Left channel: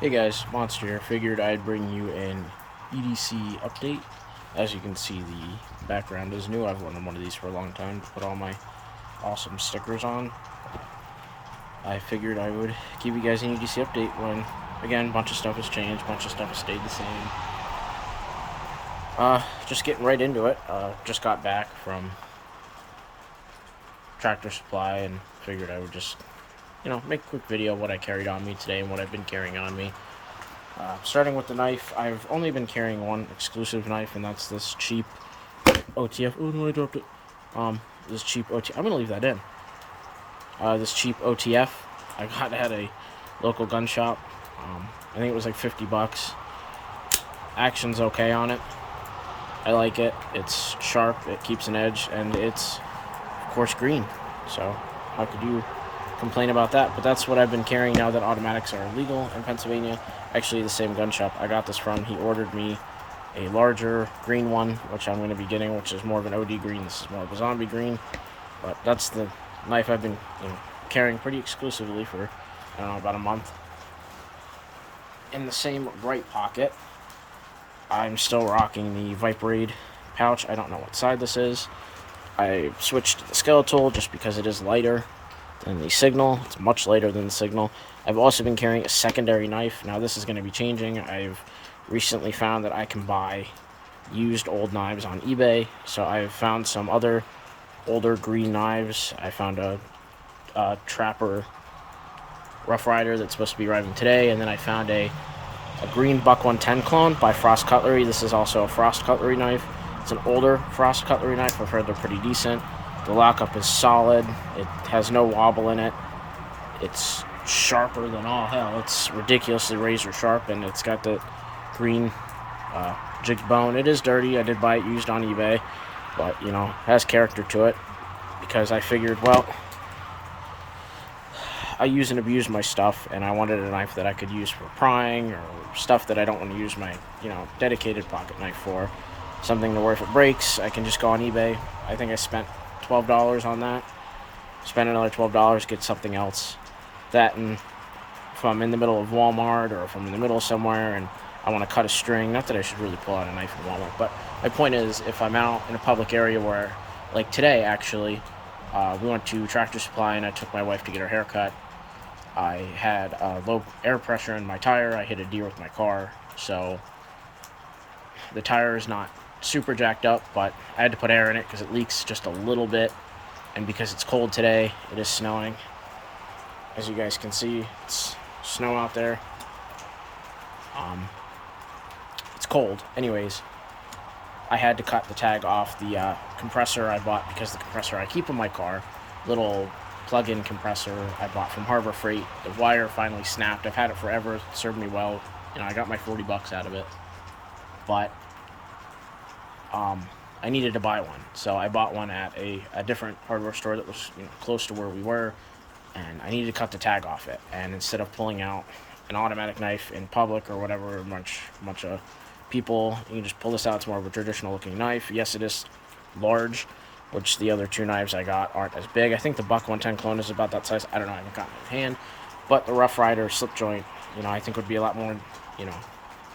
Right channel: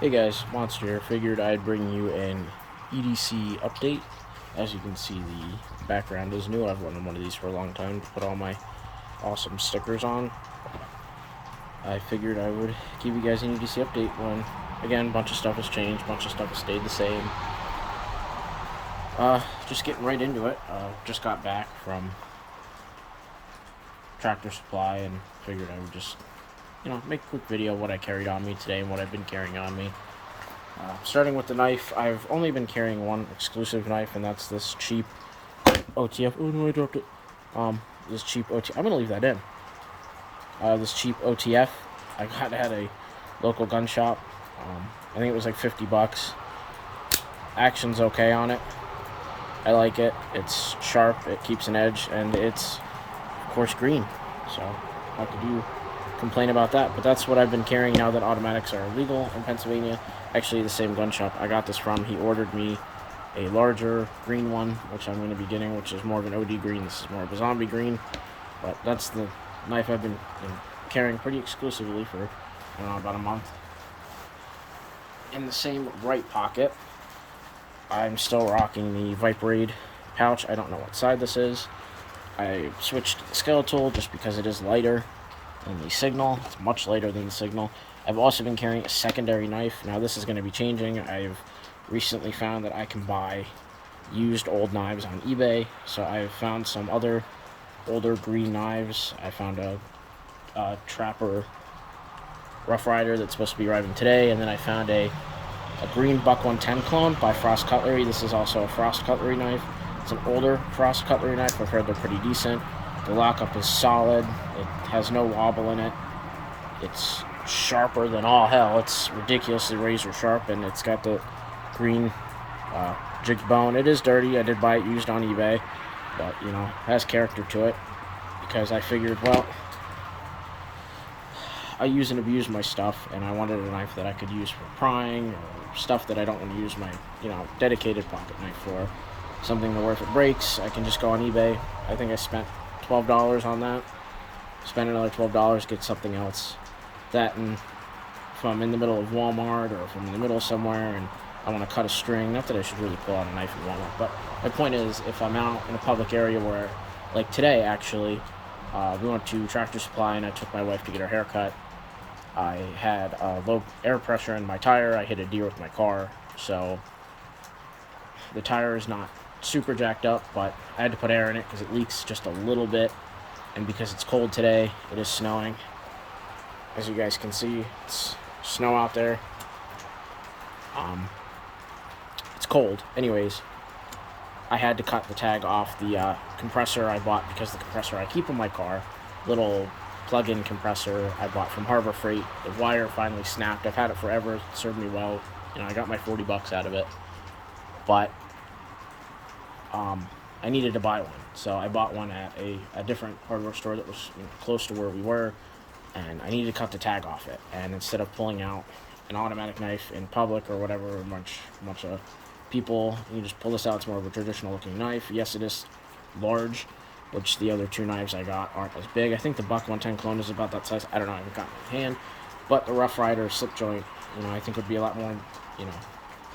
Hey guys, Monster here. Figured I'd bring you an EDC update. As you can see, the background is new. I've wanted one of these for a long time to put all my awesome stickers on. I figured I would give you guys an EDC update when, again, a bunch of stuff has changed, a bunch of stuff has stayed the same. Just getting right into it. Just got back from Tractor Supply and figured I would just, make a quick video of what I carried on me today and what I've been carrying on me. Starting with the knife, I've only been carrying one exclusive knife, and that's this cheap OTF. Oh no, I dropped it. This cheap OTF. I'm gonna leave that in. This cheap OTF I got at a local gun shop. I think it was like $50. Action's okay on it. I like it. It's sharp. It keeps an edge, and it's of course green. So how could you complain about that? But that's what I've been carrying now that automatics are illegal in Pennsylvania. Actually, the same gun shop I got this from, he ordered me a larger green one, which I'm going to be getting, which is more of an OD green. This is more of a zombie green, but that's the knife I've been carrying pretty exclusively for, I don't know, about a month. In the same right pocket, I'm still rocking the Viperade pouch. I don't know what side this is. I switched to the skeletal just because it is lighter than the signal. It's much lighter than the signal. I've also been carrying a secondary knife. Now this is going to be changing. I've recently found that I can buy used old knives on eBay. So I've found some other older green knives. I found a Trapper Rough Rider that's supposed to be arriving today. And then I found a green Buck 110 clone by Frost Cutlery. This is also a Frost Cutlery knife. It's an older Frost Cutlery knife. I've heard they're pretty decent. The lockup is solid. It has no wobble in it. It's sharper than all hell. It's ridiculously razor sharp, and it's got the green jigged bone. It is dirty. I did buy it used on eBay, but it has character to it because I figured, well, I use and abuse my stuff, and I wanted a knife that I could use for prying or stuff that I don't want to use my dedicated pocket knife for. Something to where if it breaks, I can just go on eBay. I think I spent $12 on that. Spend another $12, get something else. That, and if I'm in the middle of Walmart or if I'm in the middle of somewhere and I want to cut a string, not that I should really pull out a knife in Walmart, but my point is, if I'm out in a public area where, like today actually, we went to Tractor Supply and I took my wife to get her hair cut. I had low air pressure in my tire. I hit a deer with my car, so the tire is not super jacked up, but I had to put air in it because it leaks just a little bit, and because it's cold today, it is snowing. As you guys can see, it's snow out there. It's cold. Anyways, I had to cut the tag off the compressor I bought, because the compressor I keep in my car, little plug-in compressor I bought from Harbor Freight, the wire finally snapped. I've had it forever. It served me well. I got my $40 out of it. But I needed to buy one, so I bought one at a different hardware store that was close to where we were, and I needed to cut the tag off it. And instead of pulling out an automatic knife in public or whatever, a bunch of people, you can just pull this out. It's more of a traditional looking knife. Yes, it is large, which the other two knives I got aren't as big. I think the Buck 110 clone is about that size. I don't know, I haven't gotten it in hand. But the Rough Rider slip joint, I think would be a lot more,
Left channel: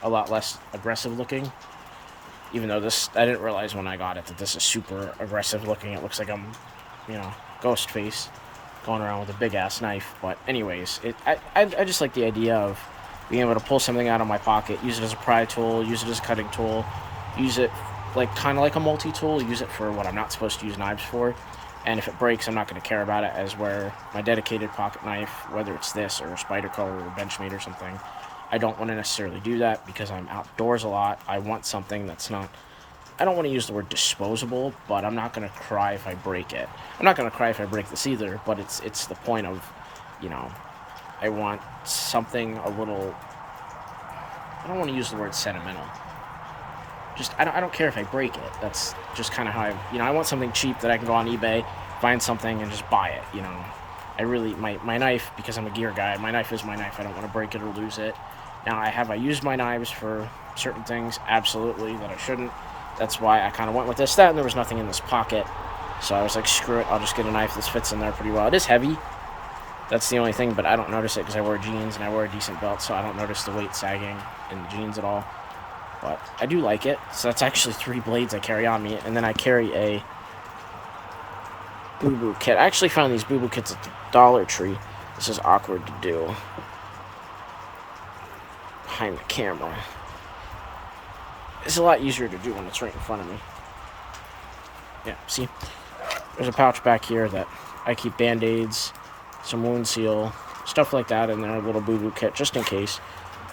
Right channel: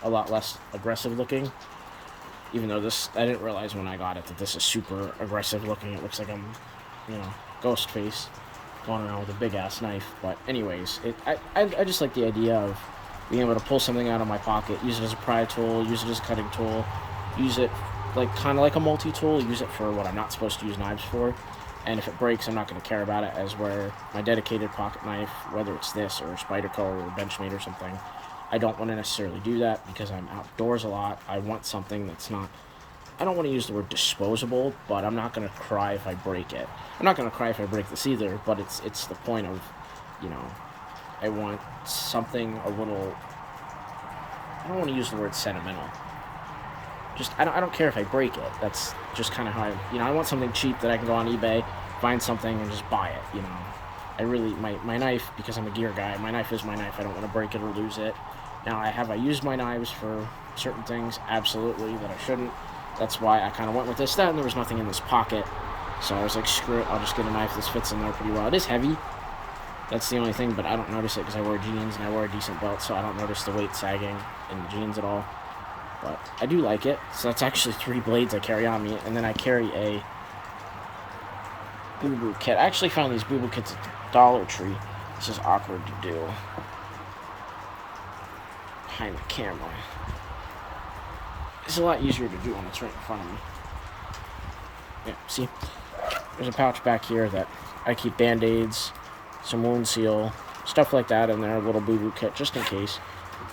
a lot less aggressive looking. Even though this, I didn't realize when I got it that this is super aggressive looking. It looks like I'm, ghost face going around with a big ass knife. But anyways, I just like the idea of being able to pull something out of my pocket, use it as a pry tool, use it as a cutting tool, use it kind of like a multi-tool, use it for what I'm not supposed to use knives for. And if it breaks, I'm not going to care about it, as where my dedicated pocket knife, whether it's this or a Spyderco or a Benchmade or something, I don't want to necessarily do that because I'm outdoors a lot. I want something that's not, I don't want to use the word disposable, but I'm not going to cry if I break it. I'm not going to cry if I break this either, but it's the point of, I want something a little, I don't want to use the word sentimental. Just, I don't care if I break it. That's just kind of how I want something cheap that I can go on eBay, find something and just buy it, I really, my knife, because I'm a gear guy, my knife is my knife. I don't want to break it or lose it. Now, I used my knives for certain things? Absolutely, that I shouldn't. That's why I kind of went with this. That, and there was nothing in this pocket. So I was like, screw it, I'll just get a knife. This fits in there pretty well. It is heavy. That's the only thing, but I don't notice it because I wear jeans and I wear a decent belt, so I don't notice the weight sagging in the jeans at all. But I do like it. So that's actually 3 blades I carry on me, and then I carry a Boo Boo kit. I actually found these Boo Boo kits at the Dollar Tree. This is awkward to do behind the camera. It's a lot easier to do when it's right in front of me. Yeah, see? There's a pouch back here that I keep Band-Aids, some wound seal, stuff like that in there, a little Boo Boo kit, just in case.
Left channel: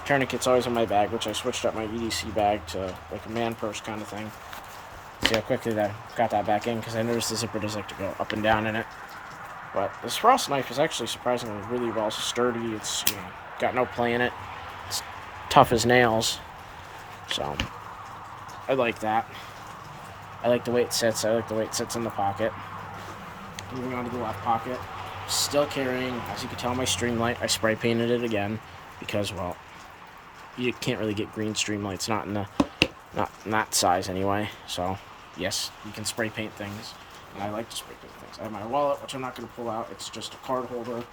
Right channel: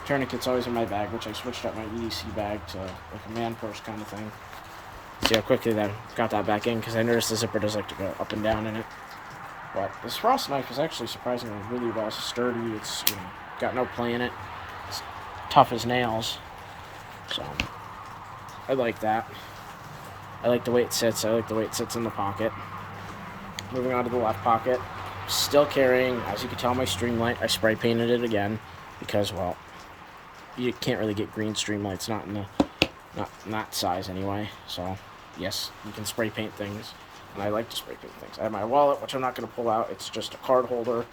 Tourniquet's always in my bag, which I switched up my EDC bag to like a man purse kind of thing. See how quickly that got that back in, because I noticed the zipper does like to go up and down in it. But this frost knife is actually surprisingly really well sturdy. It's, you know, got no play in it. It's tough as nails. So, I like that. I like the way it sits. I like the way it sits in the pocket. Moving on to the left pocket. Still carrying, as you can tell, my Streamlight. I spray painted it again because, well, you can't really get green Streamlights, not in that size anyway. So, yes, you can spray paint things, and I like to spray paint things. I have my wallet, which I'm not going to pull out. It's just a card holder,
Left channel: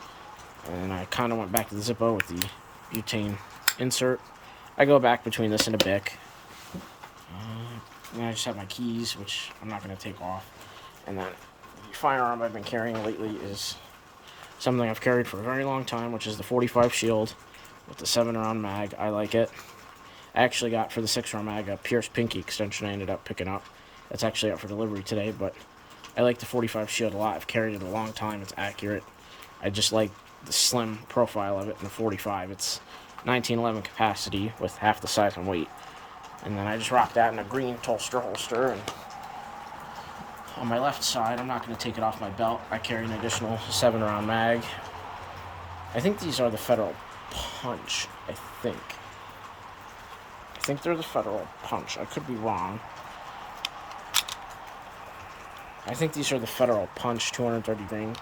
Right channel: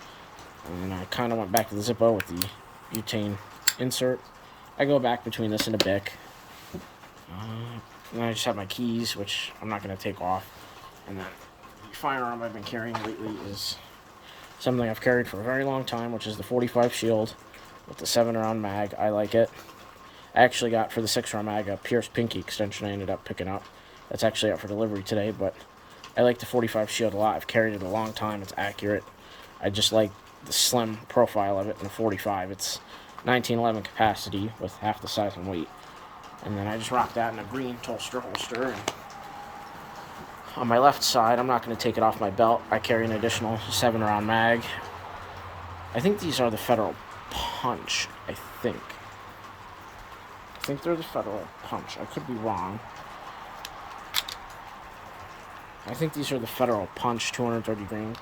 and I kind of went back to the Zippo with the butane insert. I go back between this and a Bic. And I just have my keys, which I'm not going to take off. And then the firearm I've been carrying lately is something I've carried for a very long time, which is the 45 Shield with the 7-round mag. I like it. I actually got, for the 6-round mag, a Pierce Pinky extension I ended up picking up. That's actually out for delivery today, but I like the 45 Shield a lot. I've carried it a long time. It's accurate. I just like the slim profile of it in the 45. It's 1911 capacity with half the size and weight. And then I just rock that in a green holster. And on my left side, I'm not going to take it off my belt. I carry an additional 7-round mag. I think these are the Federal Punch, I think they're the Federal Punch. I could be wrong. I think these are the Federal Punch 230 grain.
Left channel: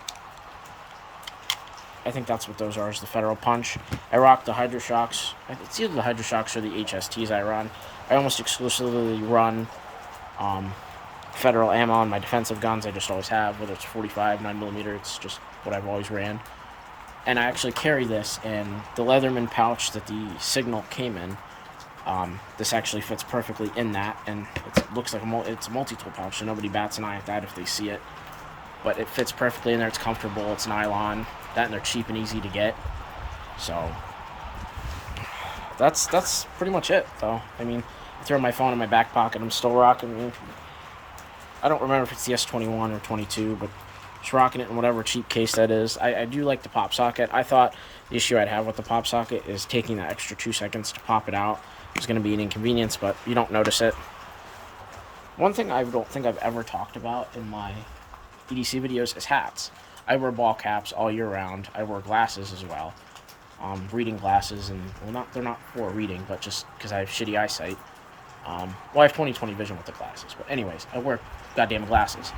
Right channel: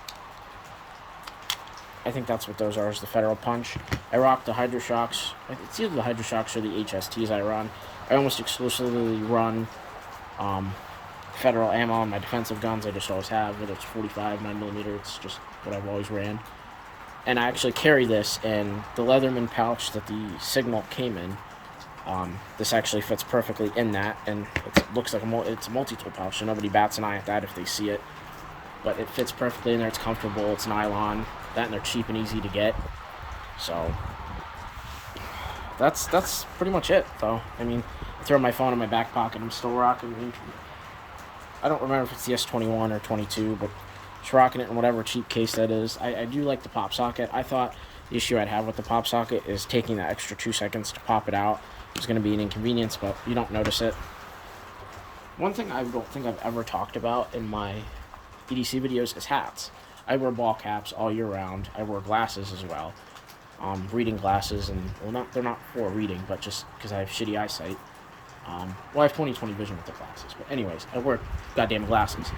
I think that's what those are, is the Federal Punch. I rock the Hydro Shocks. It's either the Hydro Shocks or the HSTs I run. I almost exclusively run Federal ammo on my defensive guns. I just always have, whether it's 45, 9mm, it's just what I've always ran. And I actually carry this in the Leatherman pouch that the Signal came in. This actually fits perfectly in that, and it looks like it's a multi-tool pouch, so nobody bats an eye at that if they see it. But it fits perfectly in there. It's comfortable. It's nylon. That, and they're cheap and easy to get. So that's pretty much it, though. I mean, I throw my phone in my back pocket. I'm still rocking. I don't remember if it's the S21 or 22, but just rocking it in whatever cheap case that is. I do like the pop socket. I thought the issue I'd have with the pop socket is taking that extra 2 seconds to pop it out. It's going to be an inconvenience, but you don't notice it. One thing I don't think I've ever talked about in my EDC videos is hats. I wear ball caps all year round. I wear glasses as well. Reading glasses, and they're not for reading, but just because I have shitty eyesight. I have 20/20 vision with the glasses. But anyways, I wear goddamn glasses.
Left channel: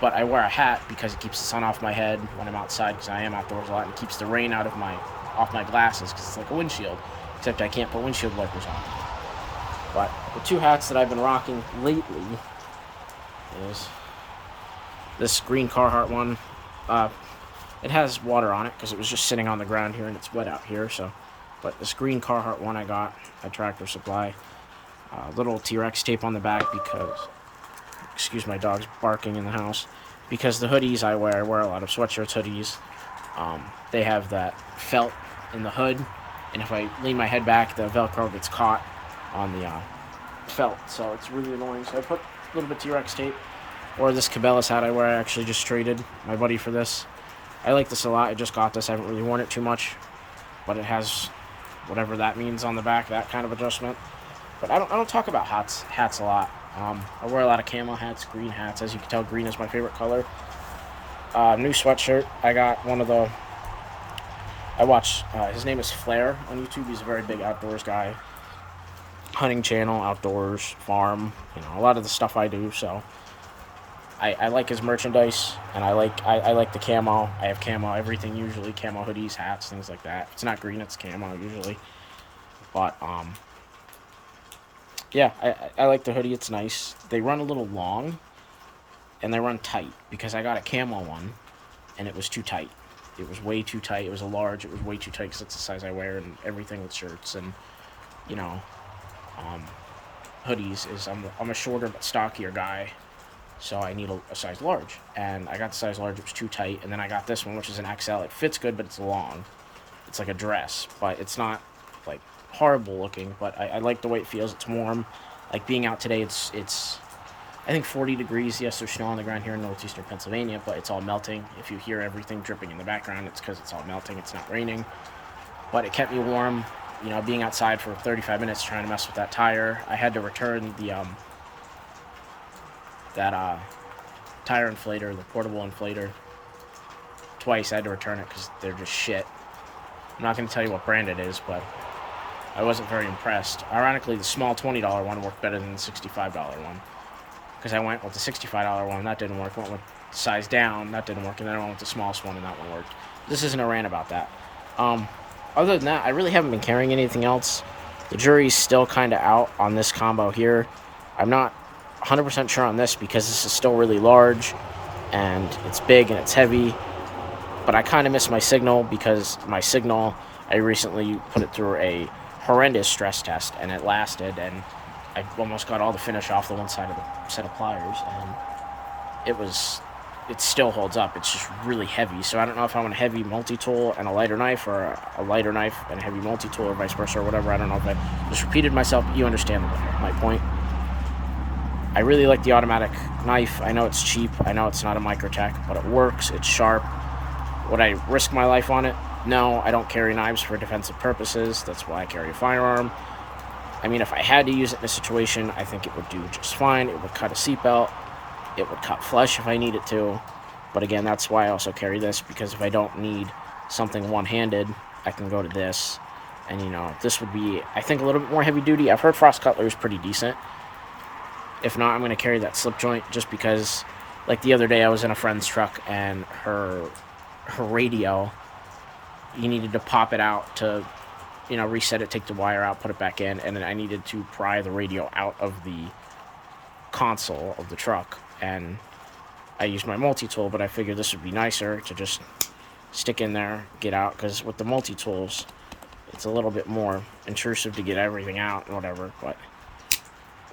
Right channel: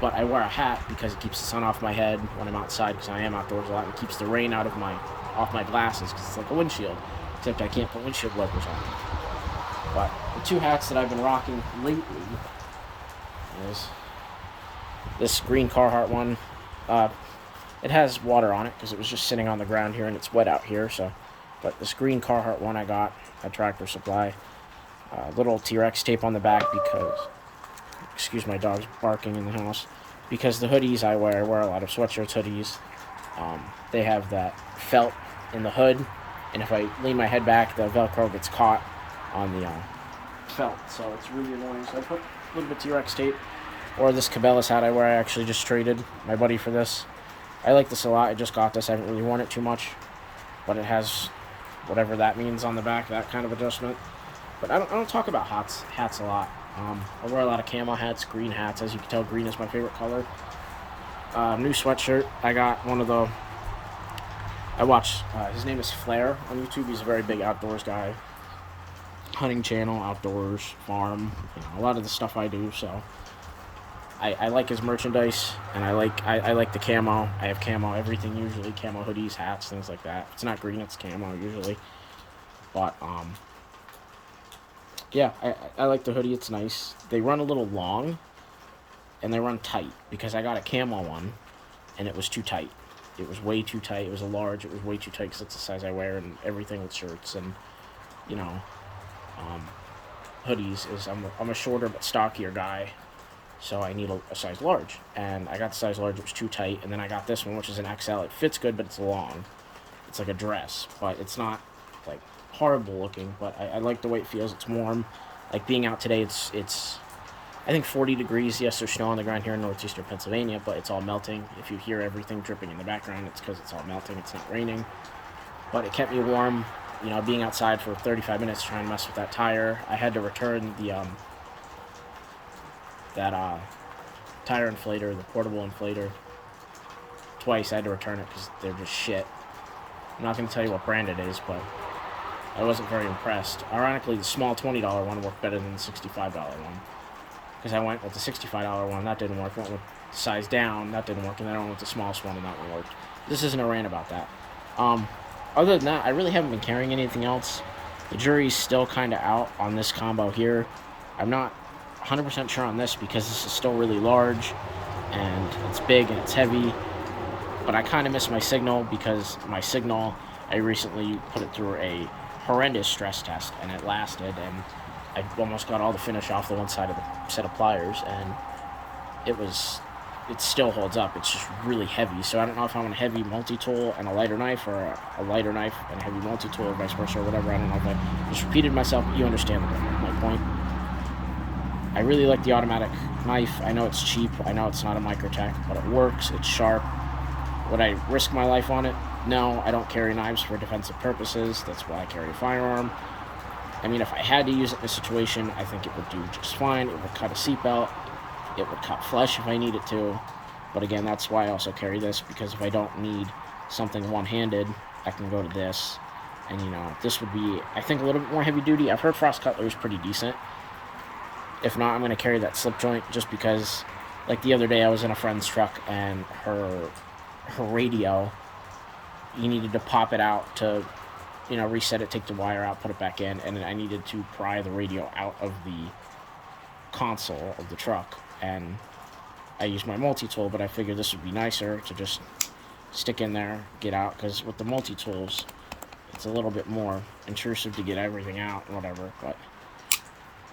But I wear a hat because it keeps the sun off my head when I'm outside, because I am outdoors a lot, and it keeps the rain off my glasses, because it's like a windshield, except I can't put windshield wipers on. But the 2 hats that I've been rocking lately is this green Carhartt one. It has water on it because it was just sitting on the ground here and it's wet out here. So, but this green Carhartt one I got at Tractor Supply. Little T-Rex tape on the back because, excuse my dog's barking in the house, because the hoodies I wear a lot of sweatshirts, hoodies. They have that felt in the hood, and if I lean my head back, the Velcro gets caught on the felt, so it's really annoying. So I put a little bit of T-Rex tape. Or this Cabela's hat I wear. I actually just traded my buddy for this. I like this a lot. I just got this. I haven't really worn it too much, but it has whatever that means on the back, that kind of adjustment. But I don't talk about hats a lot. I wear a lot of camo hats, green hats. As you can tell, green is my favorite color. New sweatshirt. I got one of the... I watch... his name is Flair on YouTube. He's a very big outdoors guy. Hunting channel, outdoors, farm. You know, a lot of the stuff I do, so... I like his merchandise, and I like the camo. I have camo everything usually, camo hoodies, hats, things like that. If it's not green, it's camo usually. But yeah, I like the hoodie. It's nice. They run a little long, and they run tight because I got a camo one, and it was too tight. it was way too tight. It was a large. It was way too tight because it's the size I wear and everything with shirts and, you know, hoodies. I'm a shorter but stockier guy, so I need a size large. And I got the size large. It was too tight. And then I got this one, which is an XL. It fits good, but it's long. It's like a dress, but it's not like horrible looking. But I like the way it feels. It's warm. Like being out today, it's I think 40 degrees. Yes, there's snow on the ground here in northeastern Pennsylvania, but it's all melting. If you hear everything dripping in the background, it's because it's all melting. It's not raining. But it kept me warm, you know, being outside for 35 minutes trying to mess with that tire. I had to return the tire inflator, the portable inflator, twice. I had to return it because they're just shit. I'm not going to tell you what brand it is, but I wasn't very impressed. Ironically, the small $20 one worked better than the $65 one. Because I went with the $65 one, that didn't work. Went with the size down, that didn't work. And then I went with the smallest one, and that one worked. This isn't a rant about that. Other than that, I really haven't been carrying anything else. The jury's still kind of out on this combo here. I'm not 100% sure on this because this is still really large, and it's big and it's heavy. But I kind of miss my signal because my signal, I recently put it through a horrendous stress test, and it lasted, and I almost got all the finish off the one side of the set of pliers, and it still holds up. It's just really heavy. So I don't know if I want a heavy multi-tool and a lighter knife, or a lighter knife and a heavy multi-tool, or vice versa, or whatever. I don't know if I just repeated myself. You understand my point. I really like the automatic knife. I know it's cheap. I know it's not a Microtech, but it works. It's sharp. Would I risk my life on it? No, I don't carry knives for defensive purposes. That's why I carry a firearm. I mean, if I had to use it in a situation, I think it would do just fine. It would cut a seatbelt. It would cut flesh if I needed to. But again, that's why I also carry this, because if I don't need something one-handed, I can go to this. And, you know, this would be, I think, a little bit more heavy-duty. I've heard Frost Cutler is pretty decent. If not, I'm going to carry that slip joint just because, like the other day, I was in a friend's truck, and her radio, you needed to pop it out to, you know, reset it, take the wire out, put it back in, and then I needed to pry the radio out of the console of the truck, and I used my multi-tool, but I figured this would be nicer to just stick in there, get out, because with the multi-tools, it's a little bit more intrusive to get everything out and whatever, but,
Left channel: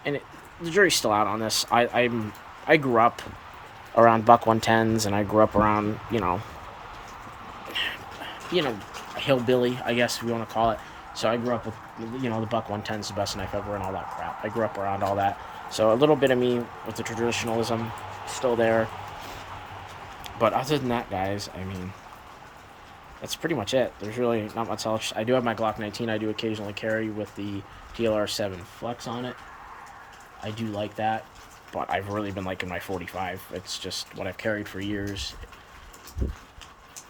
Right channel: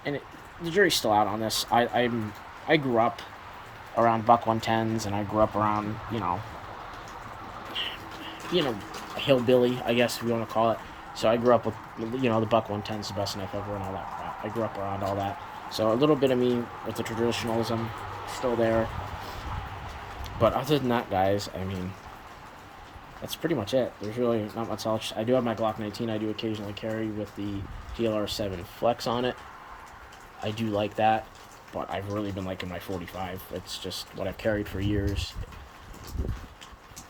and the jury's still out on this. I grew up around buck 110s, and I grew up around, you know, a hillbilly, I guess, if you want to call it. So I grew up with, you know, the buck 110's the best knife ever and all that crap. I grew up around all that. So a little bit of me with the traditionalism still there. But other than that, guys, I mean, that's pretty much it. There's really not much else. I do have my Glock 19 I do occasionally carry with the DLR7 Flex on it. I do like that, but I've really been liking my 45. It's just what I've carried for years.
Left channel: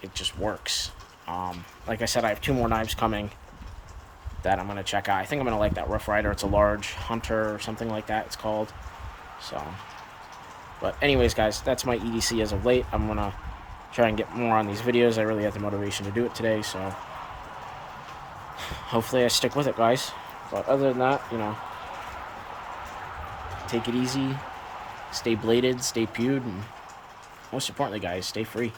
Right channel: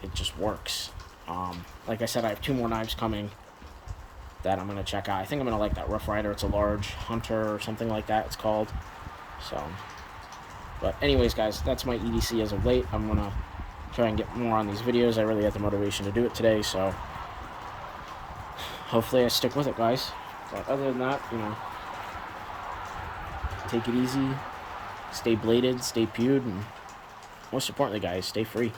It just works. Like I said, I have 2 more knives coming that I'm going to check out. I think I'm going to like that Rough Rider. It's a large Hunter or something like that it's called. So, but anyways, guys, that's my EDC as of late. I'm going to try and get more on these videos. I really had the motivation to do it today, so hopefully I stick with it, guys. But other than that, you know, take it easy, stay bladed, stay pewed, and most importantly, guys, stay free.